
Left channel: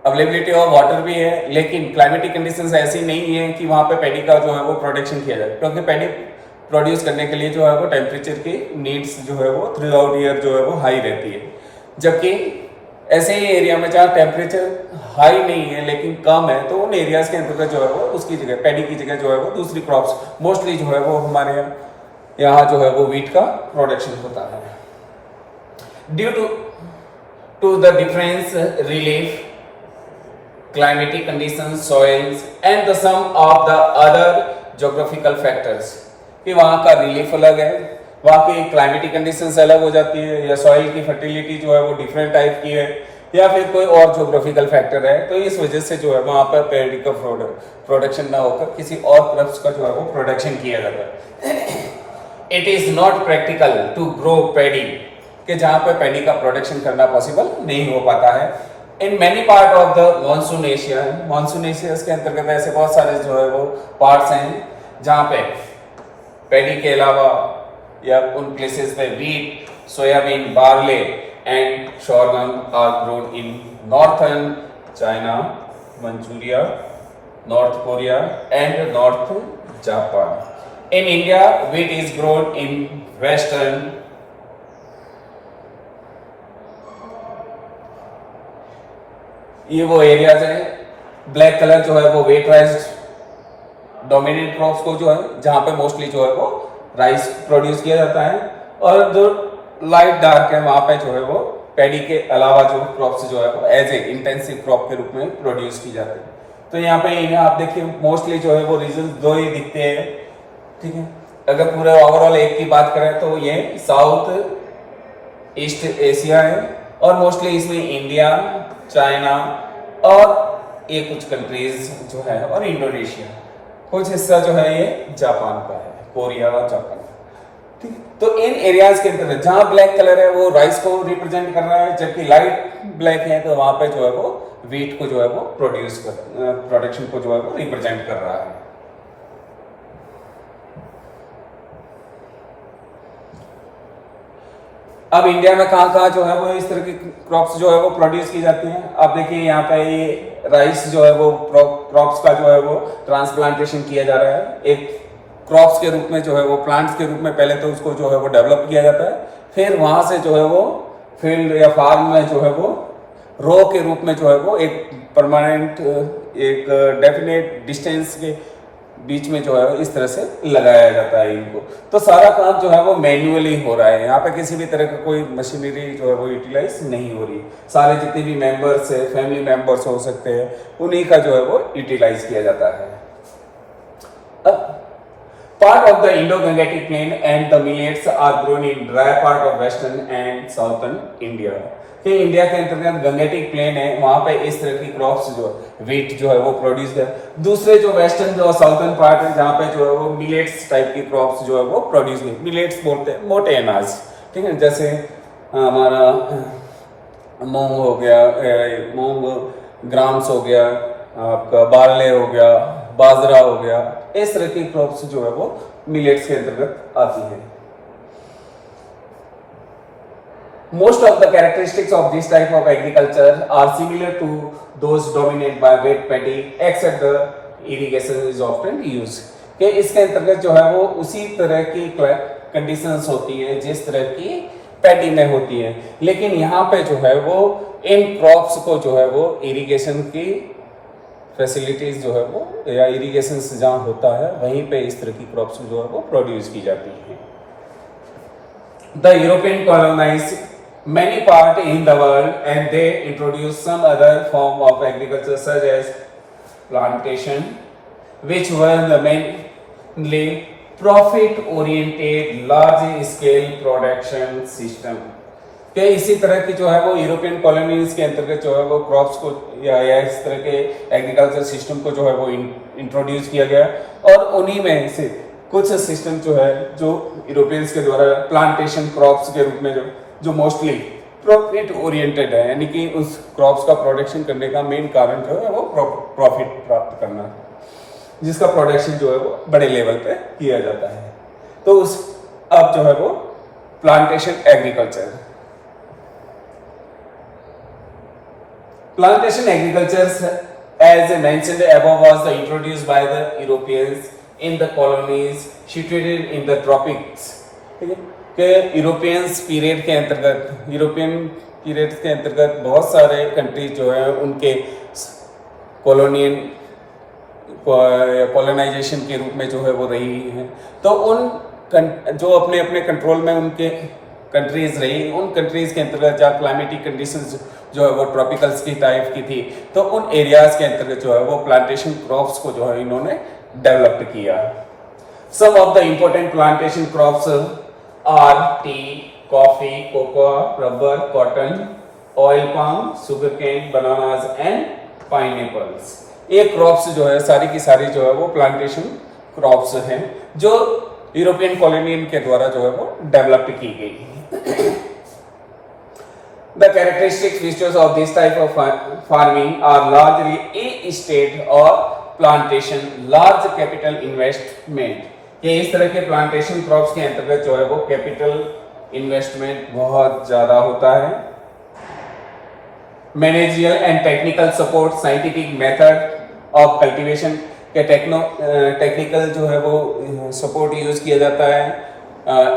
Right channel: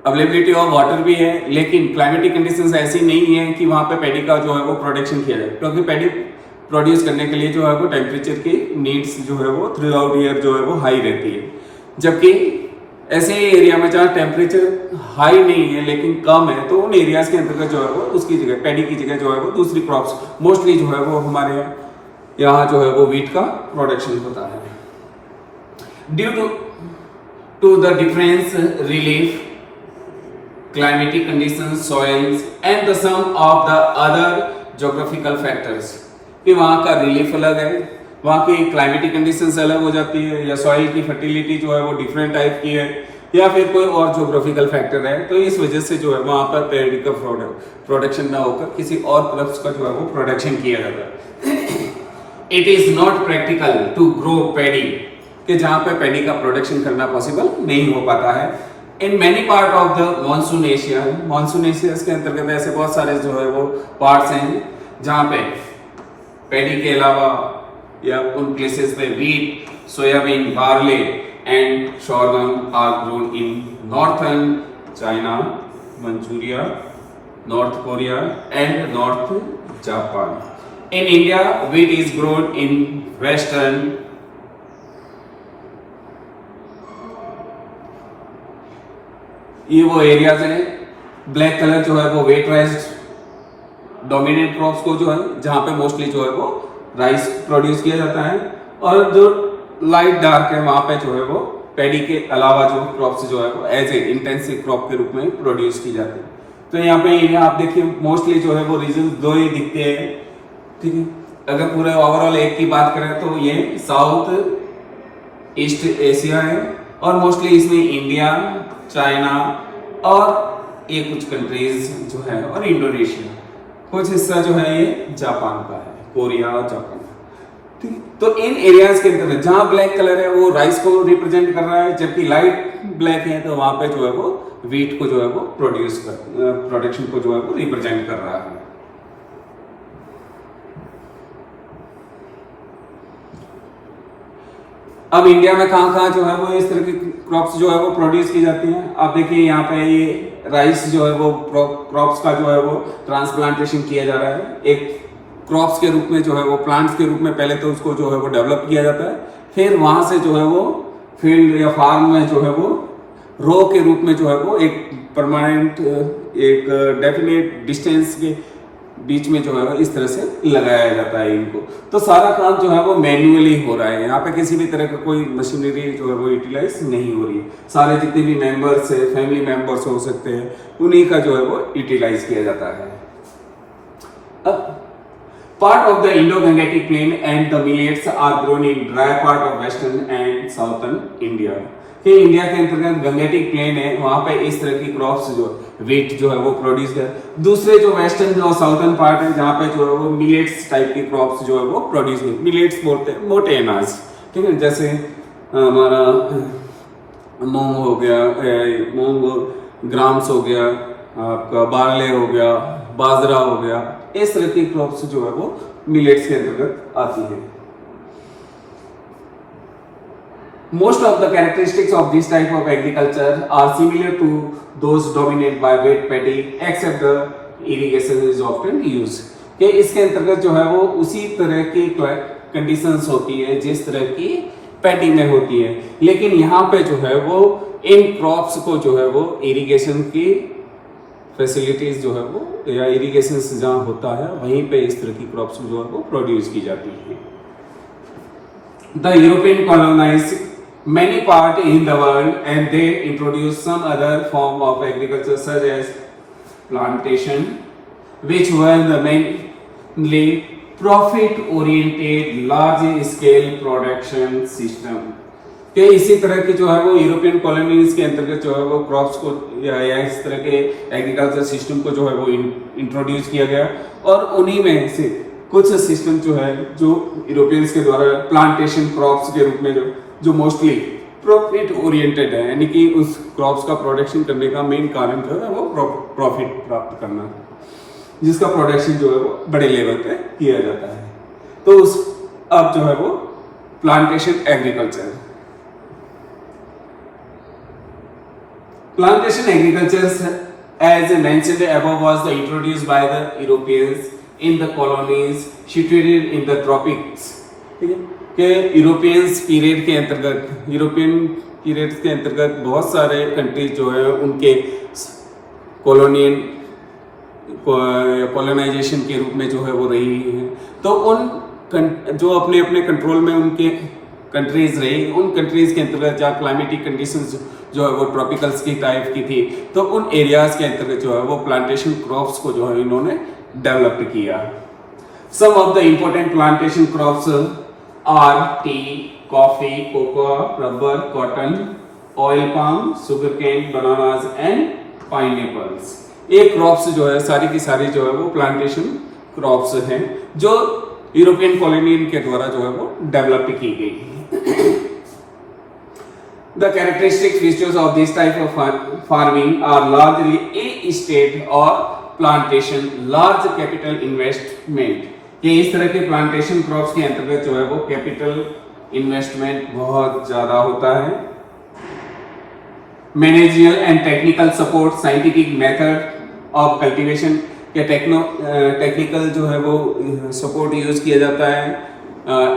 अवेलेबिलिटी ऑफ वाटर भी है, लेकिन क्लाइमेटिक कंडीशंस ऐसी नहीं है कि वहां पे पैडी का जो है वो प्रोडक्शन किया जाए, क्योंकि पैडी प्रोड्यूस करने के लिए जो है वो टेम्परेचर की नीड्स जो है वो थ्रू आउट ईयर जो है वो हाई रहती है। जबकि ऐसे ही एरिया में जहाँ टेम्परेचर हाई नहीं है लेकिन कम है, तो उन एरियाज के अंतर्गत जो है वो उसकी जगह पैडी की जगह जो है वो दूसरी क्रॉप्स मोस्टली जो है वो हमारे यहाँ जो है वो वीट का प्रोडक्शन होता है। Due to the difference relief climatic conditions, soils and the sum of the other geographical factors, कि वहाँ का रिलीफ अलग है, वहाँ की क्लाइमेटिक कंडीशंस अलग हो जाती है, या सॉइल की फर्टिलिटी जो है वो डिफरेंट टाइप की है, या फिर कोई और जोग्राफिकल फैक्टर है, तो इस वजह से जो है वहाँ पर पैडी का प्रोडक्शन ना होकर किसी और क्रॉप्स का जो है वो प्रोडक्शन किया जाता है। It is not practical to grow paddy, कि जहाँ पे पैडी का प्रोडक्शन करना पॉसिबल नहीं हो पाता है। In many part of the monsoon Asia के अंतर्गत ऐसे बहुत सारे जो है वो पार्ट्स हैं जहाँ पे पैडी के अलावा या उन प्लेसेस पे wheat, soybean, barley and sorghum are grown in northern China, Manchuria, north Korea and north Japan. In India wheat is grown in western ये वो एरियाज है। ब्लैक कलर जो है वो वेट राइस डोमिनेंट क्रॉप्स को जो है जहां पे मोस्टली जो है वो राइस प्रोड्यूस किया जाता है, और जो लाइट डार्क है वहां पे जो है वो पैडी के अलावा जो क्रॉप्स जो है वो एज ए इंटेंसिव क्रॉप के रूप में प्रोड्यूस की जाती है। तो यहाँ पे आप देखिए मोस्टली जो है वो रीजन दो ही दिखते हैं, ठीक है। अगर पूरे ओवरऑल एक की बात करें तो ये साउथ ईस्ट एशिया है, और मोस्टली इसमें इंडिया, चाइना और ये कुछ कंट्रीज जो है और इंडोनेशिया, कुछ हिस्सा जो है ये जापान का है, कोरिया और जापान का, ठीक है। तो इन एरियाज के अंदर जहां ब्लैक कलर है वो राइस को रिप्रेजेंट कर रहा है, जबकि लाइट ब्लैक है तो वहां पे जो है वो वीट को जो है वो प्रोडक्शन को जो है वो रिप्रेजेंट कर रहा है। अब इंडिया में कहाँ जो है वो इस तरह की क्रॉप्स जो है वो प्रोड्यूस की जाती हैं। अब देखिए यहाँ पे ये राइस जो है वो क्रॉप्स का जो है वो ट्रांसप्लांटेशन किया जा रहा है, एक क्रॉप्स के रूप में जो है वो प्लांट्स के रूप में पहले तो उसको जो है वो डेवलप किया जाता है, फिर वहां से जो है वो फील्ड या फार्म में जो है वो रो के रूप में जो है वो एक परमानेंट एक डेफिनेट डिस्टेंस के बीच में जो है इस तरह से लगाया जाता है इनको। तो सारा काम जो है वो मैन्युअली हो रहा है, यहाँ पे किसी भी तरह का कोई मशीनरी जो है वो यूटिलाइज नहीं हो रही। सारे जितने भी मेंबर्स है, फैमिली मेंबर्स हो सकते हैं, उन्हीं का जो है वो यूटिलाइज किया जाता है। Part of the Indo-Gangetic Plain and the millets are grown in dry part of western and southern India. कि इंडिया के अंतर्गत गंगेटिक प्लेन है, वहां पे इस तरह की क्रॉप्स जो वीट जो है वो प्रोड्यूस है। दूसरे जो वेस्टर्न जो साउथर्न पार्ट है जहाँ पे जो है वो मिलेट्स टाइप की क्रॉप्स जो है वो प्रोड्यूस नहीं। मिलेट्स बोलते हैं मोटे अनाज, ठीक है, जैसे हमारा मूंग हो गया, मूंग ग्राम्स हो गया, आपका बारले हो गया, बाजरा हो गया, इस तरह की क्रॉप्स जो है वो मिलेट्स के अंतर्गत आती है। Most of the characteristics of this type of agriculture are similar to those dominated by wet paddy, except the irrigation is often used. कि इसके अंतर्गत जो है वो उसी तरह की कंडीशंस होती है जिस तरह की पैडी में होती है, लेकिन यहाँ पे जो है वो इन क्रॉप्स को जो है वो इरिगेशन की फैसिलिटीज जो है वो या इरिगेशन जहाँ होता है वहीं पे इस तरह की क्रॉप्स जो है वो प्रोड्यूस की जाती है। The European colonise many part in the world and they introduced some other form of agriculture such as plantation, which were the mainly profit oriented large scale production system। कि इसी तरह की जो है वो यूरोपियन कॉलोनीज के अंतर्गत जो है वो क्रॉप्स को या इस तरह के एग्रीकल्चर सिस्टम को जो है वो इंट्रोड्यूस किया गया, और उन्हीं में से कुछ सिस्टम जो है जो यूरोपियंस के द्वारा प्लांटेशन क्रॉप्स के रूप में जो मोस्टली प्रॉफिट ओरिएंटेड है, यानी कि उस क्रॉप्स का प्रोडक्शन करने का मेन कारण जो है वो प्रॉफिट प्राप्त करना है, जिसका प्रोडक्शन जो है वो बड़े लेवल पे किया जाता है। तो उस अब जो है वो plantation agriculture. Plantation agriculture, as mentioned above, was introduced by the Europeans in the colonies situated in the tropics। ठीक है, कि यूरोपियंस पीरियड के अंतर्गत, यूरोपियन पीरियड के अंतर्गत बहुत सारे कंट्रीज जो है उनके कॉलोनियन कॉलोनाइजेशन के रूप में जो है वो रही है। तो उन जो अपने अपने कंट्रोल में उनके कंट्रीज रही, उन कंट्रीज के अंतर्गत जहाँ क्लाइमेटिक कंडीशंस जो है वो ट्रॉपिकल्स की टाइप की थी, तो उन एरियाज के अंतर्गत जो है वो प्लांटेशन क्रॉप्स को जो है इन्होंने डेवलप किया। Some of the important plantation crops are tea, coffee, cocoa, rubber, cotton, oil palm, sugar cane, bananas and pineapples. ये क्रॉप्स जो है सारी की सारी जो है वो प्लांटेशन क्रॉप्स हैं जो यूरोपियन कॉलोनियन के द्वारा जो है वो डेवलप की गई। The characteristic features of this type of farming are largely a estate or plantation, large capital investment। ये इस तरह के प्लांटेशन क्रॉप्स के अंतर्गत जो है वो कैपिटल इन्वेस्टमेंट बहुत ज्यादा होता है। Meningeal and technical support, scientific method of cultivation के टेक्निकल जो है वो सपोर्ट यूज किया जाता है।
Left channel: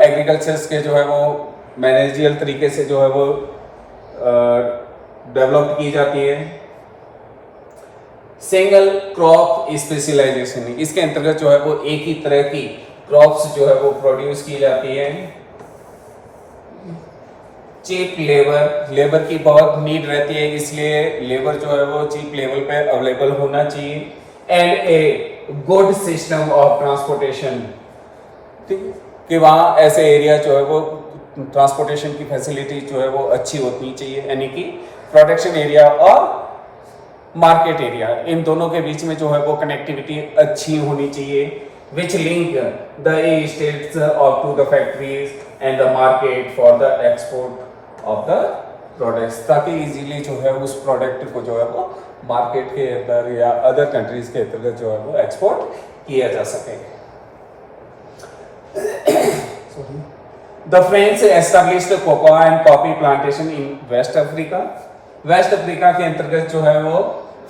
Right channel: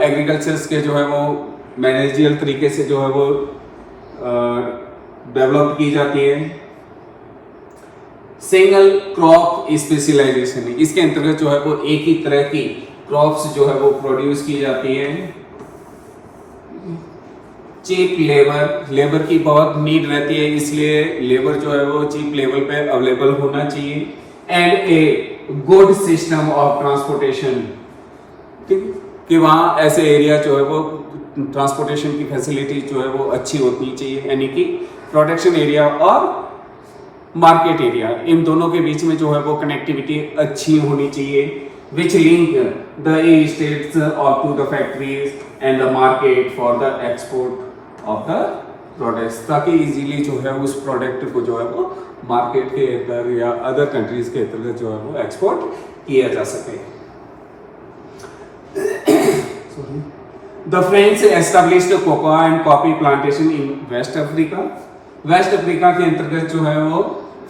एग्रीकल्चर के जो है वो मैनेजियल तरीके से जो है वो डेवलप की जाती है। सिंगल क्रॉप स्पेशलाइजेशन, इसके अंतर्गत जो है वो एक ही तरह की क्रॉप्स जो है वो प्रोड्यूस की जाती है। चीप लेबर की बहुत नीड रहती है, इसलिए लेबर जो है वो चीप लेवल पे अवेलेबल होना चाहिए। And a good system of transportation, ठीक, कि वहाँ ऐसे एरिया जो है वो ट्रांसपोर्टेशन की फैसिलिटी जो है वो अच्छी होनी चाहिए, यानी कि प्रोडक्शन एरिया और मार्केट एरिया, इन दोनों के बीच में जो है वो कनेक्टिविटी अच्छी होनी चाहिए। विच लिंक द स्टेट्स और to the factories and the market for the export of the products, ताकि इजीली जो है उस प्रोडक्ट को जो है वो मार्केट के अंदर या अदर कंट्रीज के अंतर्गत जो है वो एक्सपोर्ट किया जा सके। The French established cocoa and coffee plantation in West Africa। West Africa के अंतर्गत जो है वो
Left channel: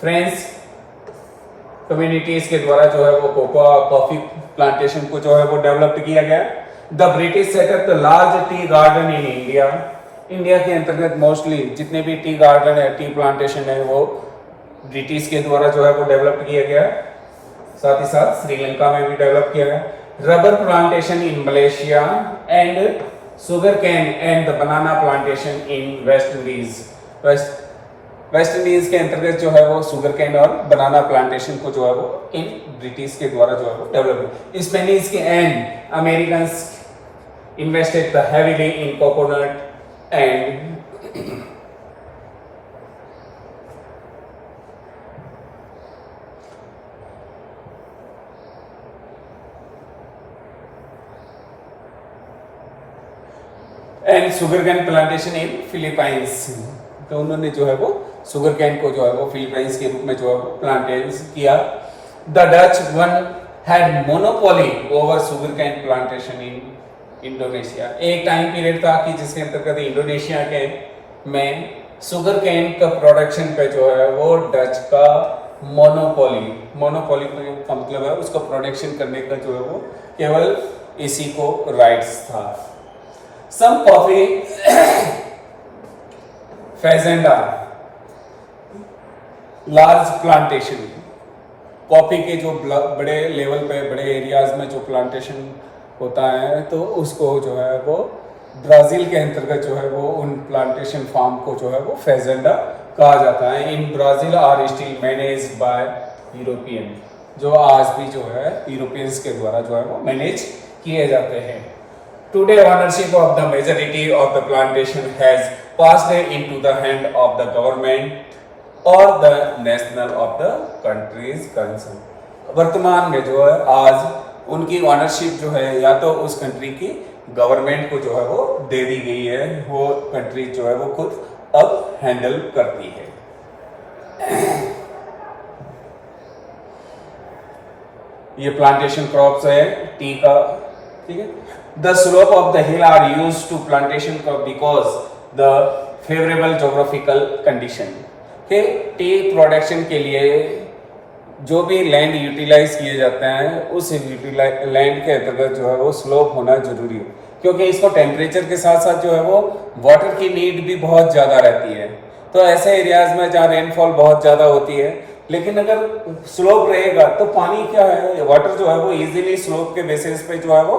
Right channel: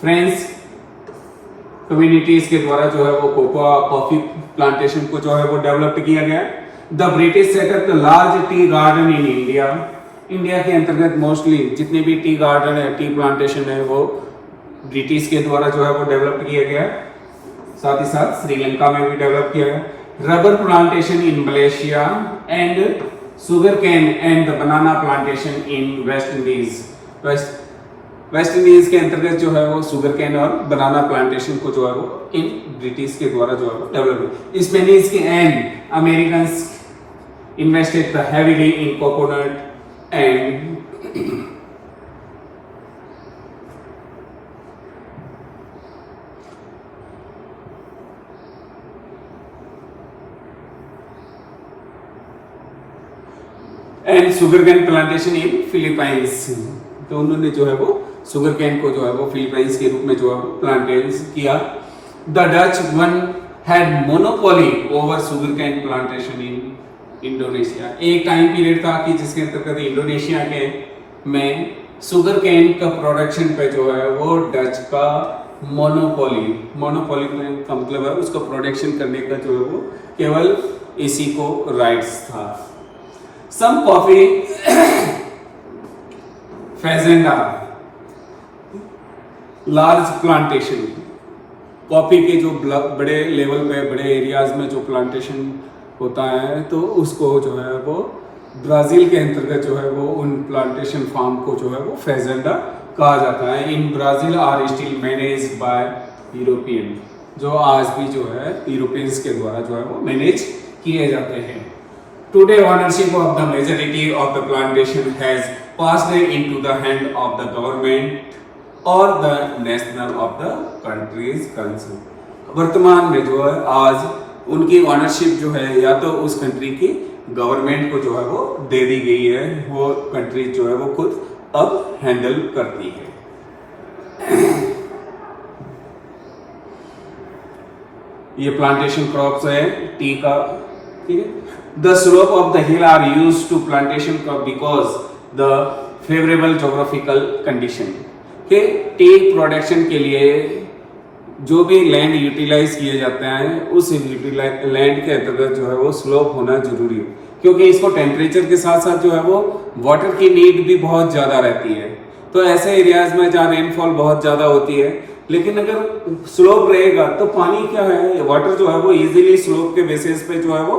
फ्रेंच कम्युनिटीज के द्वारा जो है वो कोकोआ कॉफी प्लांटेशन को जो है वो डेवलप किया गया। The British setup the large tea garden in India. India के अंतर्गत मोस्टली जितने भी टी गार्डन है, टी प्लांटेशन है, वो ब्रिटिश के द्वारा जो है वो डेवलप किया गया। साथ ही साथ श्रीलंका में भी डेवलप किया गया। Rubber plantation in Malaysia and sugar cane and the banana plantation in West Indies. West Indies के अंतर्गत जो है वो शुगर कैन और बनाना प्लांटेशन को जो है वो इन ब्रिटिश के द्वारा जो है वो डेवलप, स्पेनिश के and American invested heavily in coconut and sugarcane plantation in Philippines. तो उन्होंने जो है वो शुगर कैन को जो है वो फिलीपाइंस के रूप में जो है वो प्लांटेशन किया। The Dutch one had monopoly over sugar cane plantation in Indonesia. एक टाइम पीरियड था कि जिसके अंतर्गत इंडोनेशिया के में शुगर कैन का प्रोडक्शन पे जो है वो डच का मोनोपोली का मतलब है उसका प्रोडक्शन करने का जो है वो केवल इसी को राइट्स था। Some coffee fazenda large plantation, coffee के जो बड़े लेवल पे बड़े एरियाज में जो प्लांटेशन होता है तो उसको जो है वो ब्राज़ील के अंतर्गत जो है वो उन प्लांटेशन फार्म को जो है वो फेजेंडा कहा जाता है। In Brazil are still managed by European, जो आज भी जो है यूरोपियंस के द्वारा जो है वो मैनेज किए जाते हैं। Today ownership of the majority of the plantation has passed into the hand of the government और the national of the countries concern. वर्तमान में जो है आज उनकी ऑनरशिप जो है या तो उस कंट्री की गवर्नमेंट को जो है वो दे दी गई है, वो कंट्री जो है वो खुद अब हैंडल करती है। ये प्लांटेशन क्रॉप्स है टी का, ठीक है। The slope of the hill are used to plantation crop because the favourable geographical condition के टी प्रोडक्शन के लिए जो भी लैंड यूटिलाइज किए जाते हैं उस लैंड के अंतर्गत जो है वो स्लोप होना जरूरी है, क्योंकि इसको टेम्परेचर के साथ साथ जो है वो वाटर की नीड भी बहुत ज़्यादा रहती है। तो ऐसे एरियाज में जहाँ रेनफॉल बहुत ज़्यादा होती है, लेकिन अगर स्लोप रहेगा तो पानी क्या है, वाटर जो है वो इजीली स्लोप के बेसिस पे जो है वो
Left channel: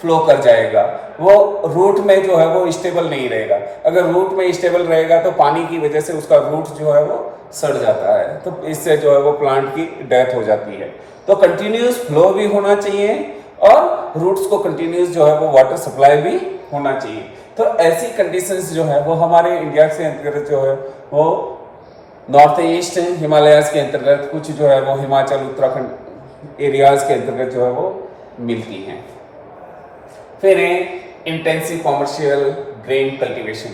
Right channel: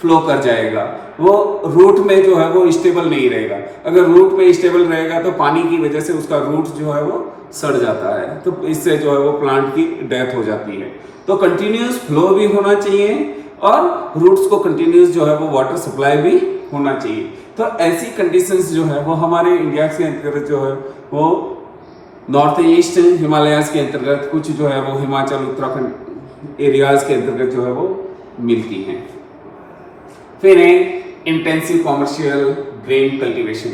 फ्लो कर जाएगा, वो रूट में जो है वो स्टेबल नहीं रहेगा। अगर रूट में स्टेबल रहेगा तो पानी की वजह से उसका रूट जो है वो सड़ जाता है, तो इससे जो है वो प्लांट की डेथ हो जाती है। तो कंटिन्यूस फ्लो भी होना चाहिए और रूट्स को कंटिन्यूस जो है वो वाटर सप्लाई भी होना चाहिए। तो ऐसी कंडीशंस जो है वो हमारे इंडिया के अंतर्गत जो है वो नॉर्थ ईस्ट हिमालयाज के अंतर्गत कुछ जो है वो हिमाचल उत्तराखंड एरियाज के अंतर्गत जो है वो मिलती हैं। फिर है इंटेंसिव कॉमर्शियल ग्रेन कल्टीवेशन।